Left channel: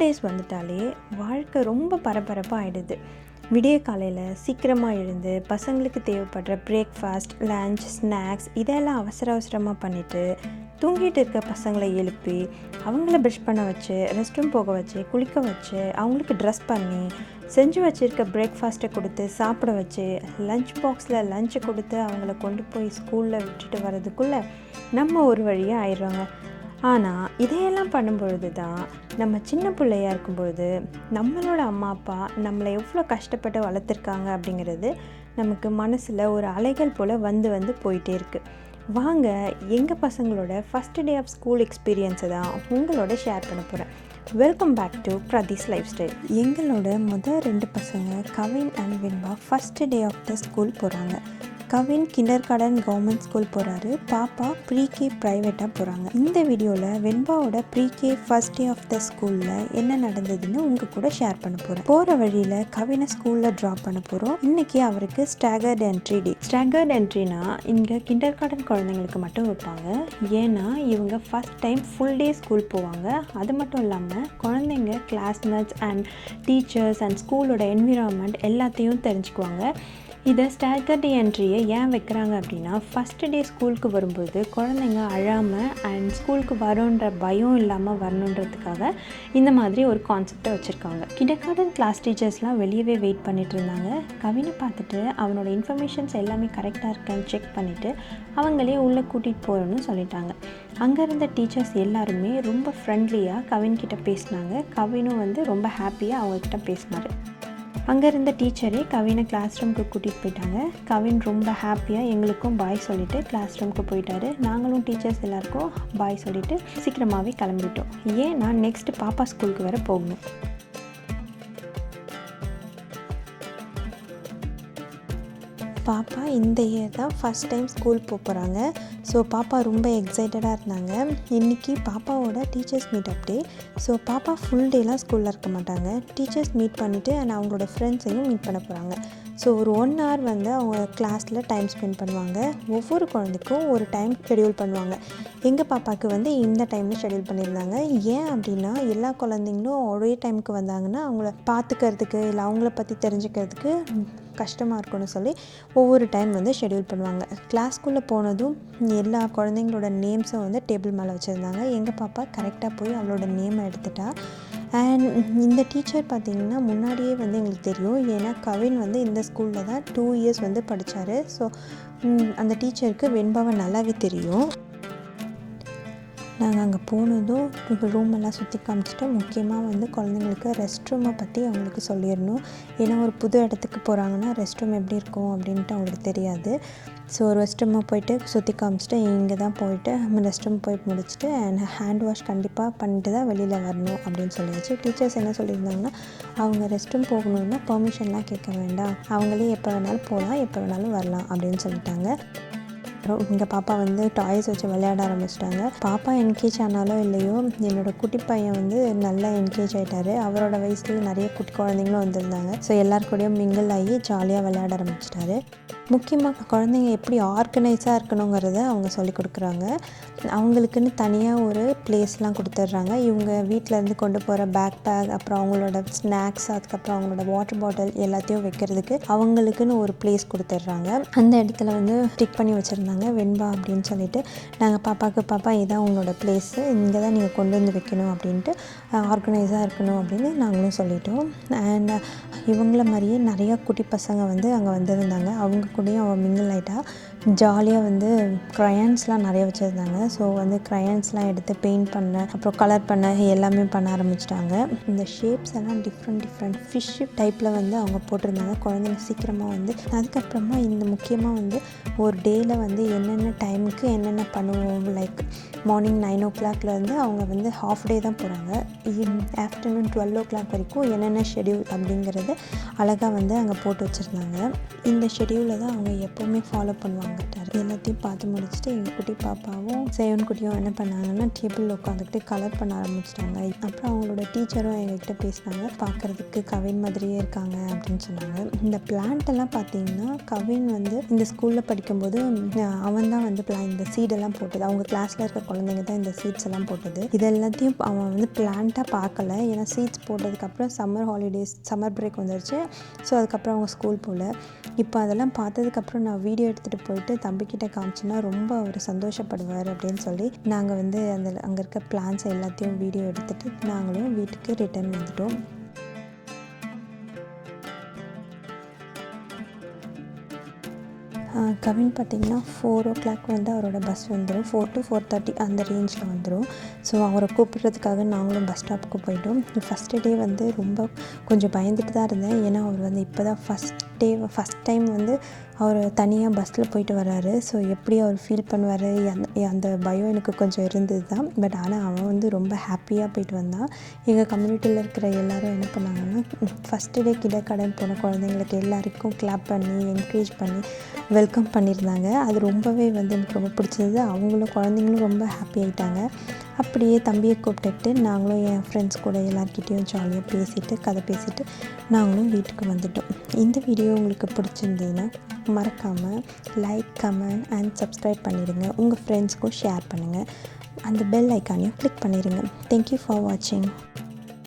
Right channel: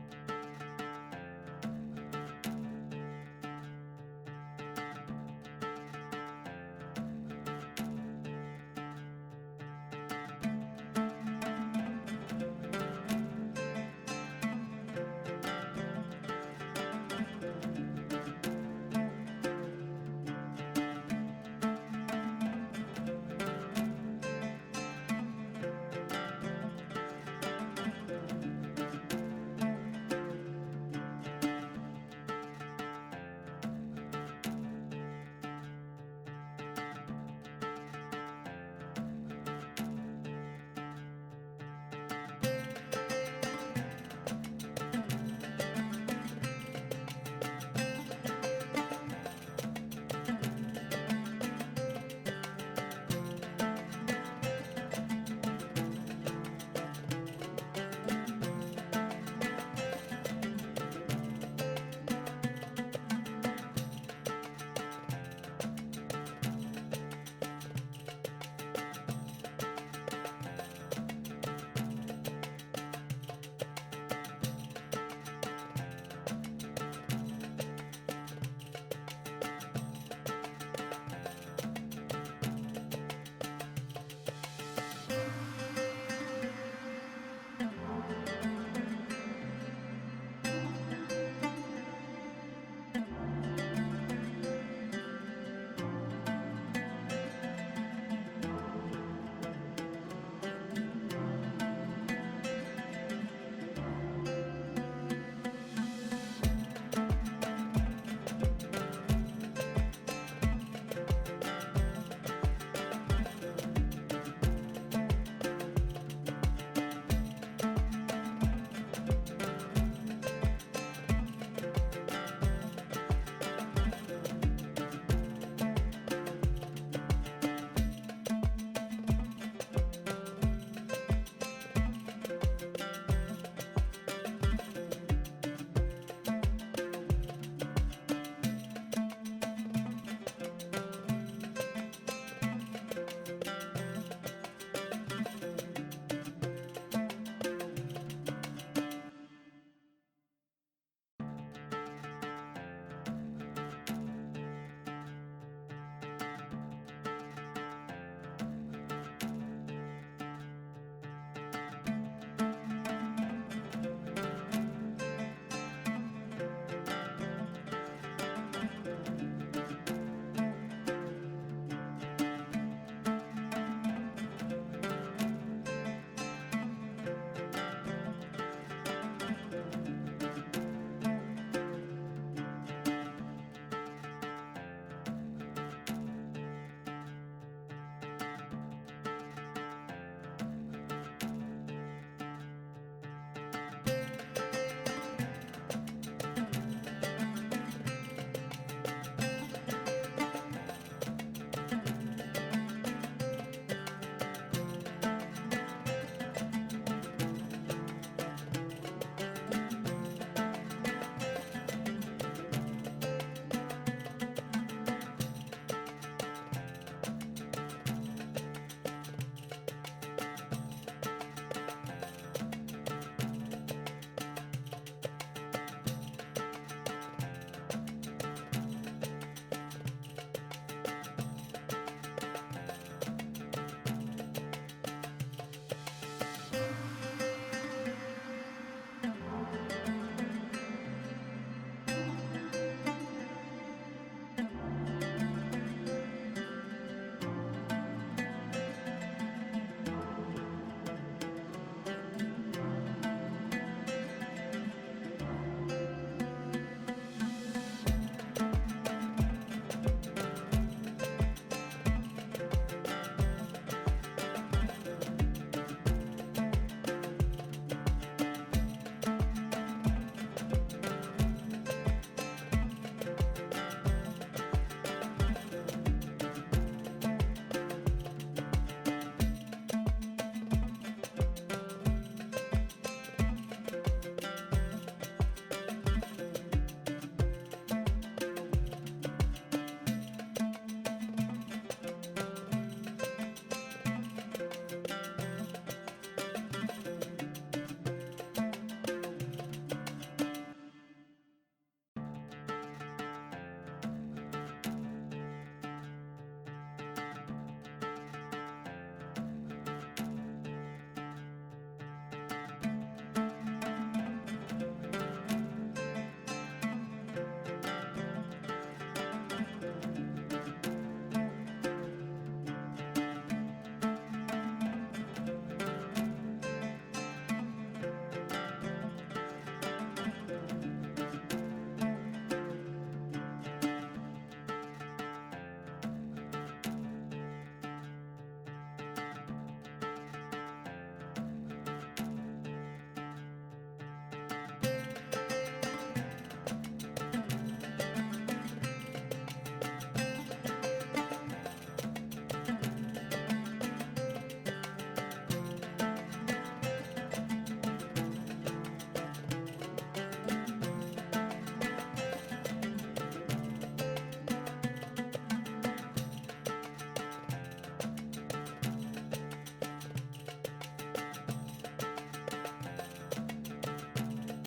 Days வந்துட்டாலே வாழ்க்கை ரொம்ப பரபரப்பாக ஆகிடுது விடிய காலையில் சீக்கிரமாக எழுந்து பசங்களுக்கு தேவைப்படுற பிரேக்ஃபாஸ்ட் லஞ்ச் ஸ்நாக்ஸ் இதெல்லாம் அவசர அவசரமாக பண்ணிவிட்டு தூங்கிட்டு இருக்க பசங்களை எழுப்பி அவங்கள ப்ரஷ் பண்ண வச்சு ரெஸ்ட் ரூம் போக வச்சு குளிக்க வச்சு அவங்களுக்கு ட்ரெஸ் பண்ணி செஞ்சு வச்சுருக்க பிரேக்ஃபாஸ்ட்டை கொடுத்து சாப்பிட வச்சு லஞ்ச் பாக்ஸில் லஞ்சை கொடுத்து அவங்கள கொண்டு போய் ஸ்கூலில் விட்டுட்டு வர்றதுக்குள்ளே நம்ம ஒரு வழியாக ஆயிடுவாங்க ஆனால் இதையெல்லாம் பண்ணும்பொழுது தான் நம்ம சின்ன பிள்ளையா இருக்கும்பொழுது நம்மளோட அம்மா அப்பா நம்மளை எவ்வளோ கஷ்டப்பட்டு வளர்த்துருக்காங்க அப்படிங்கிறது நமக்கு மனசில் ஒரு அலைகள் போல் வந்து வந்து போயிட்டே இருக்குது வாங்க எங்கள் பசங்களோட ஃபஸ்ட் டே ஆஃப் ஸ்கூல் எக்ஸ்பீரியன்ஸை தான் உங்களோட ஷேர் பண்ண போகிறேன் welcome back to Pradeesh lifestyle எங்களோட முதல் ரெண்டு பசங்க Kavin and Vinba first day of the school போகிறாங்க Kavin kindergarten government school போகிறாரு பாப்பா ப்ரீ கே ப்ரைவேட்டாக போகிறாங்க இந்த வீடியோவில் வெண்பாவோட ப்ரீகே ஃபர்ஸ்ட் டே ஆஃப் த ஸ்கூலில் என்ன நடந்ததுன்னு உங்கள் கூட ஷேர் பண்ண போகிறோம் போகிற வழியில் கவினை ஸ்கூலில் ட்ராப் பண்ண போகிறோம் இன்றைக்கி அவருக்கு ஸ்டாகர்ட் என்ட்ரி டே ஸ்டாகர்ட் என்ட்ரினா இங்கே கிண்டர் கார்டன் குழந்தைங்களுக்கு மட்டும் விட்டாங்க. ஏன்னா இவங்க first time full day school போவாங்க. அது மட்டும் இல்லாமல் குழந்தைங்க கிளாஸ்மேட்ஸ் அண்ட் டீச்சர்ஸ் அண்ட் ஸ்கூலோட என்விரான்மெண்ட் எல்லாத்தையும் தெரிஞ்சுக்குவாங்க. இதை ஸ்டாகர்ட் என்ட்ரியை ஏன் வைக்கிறாங்க அப்படின்னா ஃபஸ்ட்டு டே ஸ்கூலுக்கு வரும்போது குழந்தைங்க அழாமல் அண்ட் ஸ்கூலுக்கு வரோன்ற பயம் இல்லாமல் வரணுன்றதுக்காக இந்த மாதிரி ஒரு கான்செப்டை வச்சுருக்காங்க. கிடக்கார்டன் கிளாஸ் டீச்சர்ஸ்லாம் வெளியவே வெயிட் பண்ணிட்டு இருந்தாங்க. கவினை பார்த்துட்டு அவனோட இன்ஃபர்மேஷன்ஸ் எல்லாமே கரெக்டாக இருக்கான்னு செக் பண்ணிவிட்டு அவங்களே உள்ளே கூட்டிகிட்டு போகிறோன்னு சொல்லிட்டாங்க. அங்கே இருந்த டீச்சர்ஸ் எல்லாருமே ரொம்ப ஃப்ரெண்ட்லியாக கவின்கிட்ட பேசினாங்க. கவினும் வந்து ரொம்ப ஹாப்பியாக அவங்கக்கிட்ட பேசினார். அங்கே இருந்த டீச்சரே கவினை கிளாஸ் ரூமுக்கு கூட்டிகிட்டு போயிட்டாங்க. கவின் ரொம்ப ஹாப்பியாக எங்களுக்கும் பாய் சொல்லிவிட்டு கிளாஸ் ரூமுக்கு போயிட்டாரு. நாங்களும் டீச்சர்ஸ் எல்லாருக்கும் பாய் சொல்லிவிட்டு சீக்கிரமாகவே கிளம்பிட்டோம். ஏன்னா நெக்ஸ்ட் பாப்பா ஸ்கூலுக்கு வர போகணும். பாப்பா இந்த இயர் தான் ஃபஸ்ட் டைம் ஸ்கூல் போக போகிறாங்க ஸோ பாப்பா ரொம்ப எக்ஸைட்டடாக இருந்தாங்க. இன்றைக்கி பாப்பாவோட teachers meet up day so பாப்பா ஃபுல் டேலாம் ஸ்கூலில் இருக்க மாட்டாங்க. டீச்சர்ஸ் மீட் பண்ணிவிட்டு அண்ட் அவங்களோட ஃப்ரெண்ட்ஸையும் மீட் பண்ண போகிறாங்க ஸோ ஒரு ஒன் ஹவர் வந்து அவங்க கிளாஸில் டைம் ஸ்பெண்ட் பண்ணுவாங்க. ஒவ்வொரு குழந்தைக்கும் ஒரு டைம் ஷெடியூல் பண்ணுவாங்க. எங்கள் பாப்பாவுக்கு வந்து இந்த டைமில் ஷெடியூல் பண்ணியிருந்தாங்க ஏன் அப்படின்னா எல்லா குழந்தைங்களும் ஒரே டைமுக்கு வந்தாங்கன்னா அவங்கள பார்த்துக்கிறதுக்கு இல்லை அவங்கள பற்றி தெரிஞ்சுக்கிறதுக்கு கஷ்டமாக இருக்கும்னு சொல்லி ஒவ்வொரு டைம் வந்து ஷெடியூல் பண்ணுவாங்க. கிளாஸ்க்குள்ளே போனதும் எல்லா குழந்தைங்களோட நேம்ஸும் வந்து டேபிள் மேலே வச்சுருந்தாங்க. எங்கள் பாப்பா கரெக்டாக போய் அவளோட நேமை எடுத்துட்டா. அண்ட் இந்த டீச்சர் பார்த்திங்கன்னா முன்னாடியே வந்து எங்களுக்கு தெரியும். ஏன்னா கவின் வந்து இந்த ஸ்கூலில் தான் டூ இயர்ஸ் வந்து படித்தார் ஸோ அந்த டீச்சருக்கு வெண்பாவை நல்லாவே தெரியும். நாங்கள் அங்கே போனதும் இப்போ ரூம் எல்லாம் சுற்றி காமிச்சிட்டு முக்கியமாக வந்து குழந்தைங்களுக்கு ரெஸ்ட் ரூமை பற்றி அவங்களுக்கு சொல்லிடணும். ஏன்னா ஒரு புது இடத்துக்கு போகிறாங்கன்னா ரெஸ்ட் ரூம் எப்படி இருக்கும் அப்படின்ட்டு அவங்களுக்கு தெரியாது. ஸோ ஒரு ரெஸ்ட் ரூமை போயிட்டு சுற்றி காமிச்சிட்டு இங்கே தான் போயிட்டு ரெஸ்ட் ரூம் போயிட்டு முடிச்சுட்டு அண்ட் ஹேண்ட் வாஷ் கண்டிப்பாக பண்ணிட்டு தான் வெளியில் வரணும் அப்படின்னு சொல்லிடுச்சு டீச்சர்ஸ் என்ன சொல்லியிருந்தாங்கன்னா அவங்க ரெஸ்ட் ரூம் போகணுன்னா பர்மிஷன்லாம் கேட்க வேண்டாம். அவங்களே எப்போ வேணாலும் போகலாம் எப்போ வேணாலும் வரலாம் அப்படின்னு சொல்லிட்டாங்க. அப்புறம் எங்கள் பாப்பா வந்து டாய்ஸ் வச்சு விளையாட ஆரம்பிச்சிட்டாங்க. பாப்பா என்கேஜ் ஆனாலும் இல்லையோ என்னோடய குட்டி பையன் வந்து நல்லா என்கேஜ் ஆகிட்டாரு அவரோட வயசுலேயே நிறைய குட்டி குழந்தைங்களும் வந்திருந்தாங்க. ஸோ எல்லாருக்கூடயும் மிங்கிள் ஆகி ஜாலியாக விளையாட ஆரம்பிச்சிட்டாரு. முக்கியமாக குழந்தைங்க எப்படி ஆர்கனைஸாக இருக்கணுங்கிறத அவங்க சொல்லி கொடுக்குறாங்க. அவங்களுக்குன்னு தனியாக ஒரு பிளேஸ்லாம் கொடுத்துட்றாங்க. இவங்க வீட்டிலேருந்து கொண்டு போகிற பேக் பேக் அப்புறம் அவங்களோட ஸ்நாக்ஸ் அதுக்கப்புறம் அவங்களோட வாட்டர் பாட்டில் எல்லாத்தையும் வைக்கிறதுக்கு அவங்களுக்குன்னு ஒரு பிளேஸ் கொடுத்துட்றாங்க. அந்த இடத்துல வந்து டிக் பண்ணி வச்சுருந்தாங்க. வெண்பா அப்படின்னு சொல்லிட்டு நாங்கள் பாப்பாவுக்கு பாப்பா இதான் உங்களோட பிளேஸு இங்கே தான் நீங்கள் கொண்டு வந்து வைக்கணும் அப்படின்ட்டு ஆர்கனைஸாக இருக்கணும் அப்படின்னு நாங்களும் சொல்லிட்டோம். அண்ட் இவங்கள மாதிரியே நிறையா குட்டி பசங்க வந்து அங்கே வந்திருந்தாங்க. அவங்க கூடயும் அவள் மிங்கிள் ஆகிட்டா ஜாலியாக வந்து க்ரையான்ஸ்லாம் நிறைய வச்சுருந்தாங்க. ஸோ வந்து க்ரையான்ஸ்லாம் எடுத்து பெயிண்ட் பண்ண அப்புறம் கலர் பண்ண எல்லாமே பண்ண ஆரம்பிச்சிட்டாங்க. இந்த ஷேப்ஸ் எல்லாம் டிஃப்ரெண்ட் டிஃப்ரெண்ட் ஃபிஷ் டைப்பில் வந்து அவங்க போட்டிருந்தாங்க. குழந்தைங்க சீக்கிரமாக வந்து அதுக்கப்புறமா இந்த முக்கியமாக வந்து ஒரு டேயில் வந்து என்னென்ன டைமுக்கு என்னென்ன பண்ணுவோம்? லைக் மார்னிங் நைன் ஓ கிளாக்லேருந்து அவங்க வந்து ஹாஃப் டே தான் போகிறாங்க ஆஃப்டர்நூன் டுவெல் ஓ கிளாக் வரைக்கும் என்னென்ன ஷெடியூல் அப்படிங்கிறத அழகாக வந்து அங்கே போட்டு வச்சுருந்தாங்க. இந்த ஷெடியூலில் தான் அவங்க எப்போவுமே ஃபாலோ பண்ணுவாங்க. எல்லாத்தையும் பார்த்து முடிச்சுட்டு எங்கள் குட்டி பாப்பாவும் சேவன் குட்டியும் என்ன பண்ணாங்கன்னா டேபிளில் உட்காந்துட்டு கலர் பண்ண ஆரம்பிச்சிட்டாங்க. அப்புறம் அவங்களோட டீச்சரும் எங்ககிட்ட பேசினாங்க பார்க்குறதுக்கு கவின் மாதிரியே இருக்காங்க அப்படின்னு சொன்னாங்க. இந்த பிளான்ட்டெல்லாம் பார்த்தீங்கன்னா கவின் வந்து இந்த ஸ்கூலில் படிக்கும்போது அவன் தான் வந்து பிளான் இந்த சீடெல்லாம் போட்டது. அவங்க கிளாஸில் இருக்க குழந்தைங்க தான் இந்த சீட்ஸ் எல்லாம் போட்டது. இது எல்லாத்தையும் அவன் வந்து பிளான்ட்டாக பார்க்கல ஏன்னா சீட்ஸ் போட்டதுக்கப்புறம் சம்மர் ஹாலிடேஸ் சம்மர் பிரேக் வந்துருச்சு. ஸோ அதுக்கப்புறம் அவங்க ஸ்கூல் போகல இப்போ அதெல்லாம் பார்த்ததுக்கப்புறம் நான் வீடியோ எடுத்துகிட்டு போயிட்டு தம்பிக்கிட்ட காமிச்சுன்னா ரொம்ப அவர் சந்தோஷப்படுவார் அப்படின்னு சொல்லி நாங்கள் வந்து அந்த அங்கே இருக்க பிளான்ஸ் எல்லாத்தையும் வீடியோ எடுத்துகிட்டு நாங்களும் வீட்டுக்கு ரிட்டர்ன் வந்துட்டோம். ஆஹ் பார்த்தீங்கன்னா பார்த்திங்கன்னா ஃபோர் ஓ கிளாக் வந்து அவரோட பஸ் வந்துடும் ஃபோர் டு ஃபோர் தேர்ட்டி அந்த ரேஞ்சில் வந்துடும் ஸோ அவரை கூப்பிட்றதுக்காக நாங்களும் பஸ் ஸ்டாப்புக்கு போயிட்டோம். ஃபஸ்ட்டு டே வந்து ரொம்ப கொஞ்சம் பயந்துட்டு தான் இருந்தேன். ஏன்னா அவர் வந்து இப்போ தான் ஃபஸ்ட் டே ஃபஸ்ட் டைம் வந்து அவர் தனியாக பஸ்ஸில் போயிட்டு வர்றாரு. ஸோ எப்படி அவர் ஃபீல் பண்ணுவார்? அந்த அந்த பயம் எனக்கு கொஞ்சம் இருந்தது தான். பட் ஆனால் அவன் வந்து ரொம்ப ஹாப்பியாக போயிட்டு வந்தான். எங்கள் கம்யூனிட்டியில் இருக்கிற எல்லோரும் என்ன பண்ணாங்கன்னா ஃபஸ்ட்டு டே கிடக்கடன் போன குழந்தைங்களுக்கு எல்லாருக்கும் கிளாப் பண்ணி என்கரேஜ் பண்ணி வெல்கம் பண்ணியிருந்தாங்க. அது ரொம்பவே வந்து எனக்கு ரொம்ப பிடிச்சது அவங்களும் குழந்தைங்களும் ரொம்ப ஹாப்பி ஆகிட்டாங்க அப்படியே தம்பியை கூப்பிட்டுட்டு நாங்களும் என் ஃப்ரெண்ட்ஸ் கூட எல்லாருக்கிட்டேயும் ஜாலியாக பேசிட்டு கதை பேசிட்டு நாங்களும் வீட்டுக்கு வந்துட்டோம். இந்த வீடியோ உங்களுக்கு பிடிச்சிருந்ததுன்னா மறக்காமல் லைக் கமெண்ட் அண்ட் சப்ஸ்கிரைப் பண்ணிடுங்க. உங்கள் ஃப்ரெண்ட்ஸ்க்கும் ஷேர் பண்ணுங்கள் அந்த பெல் ஐக்கானையும் கிளிக் பண்ணிடுங்க. தேங்க்யூ ஃபார் வாட்சிங்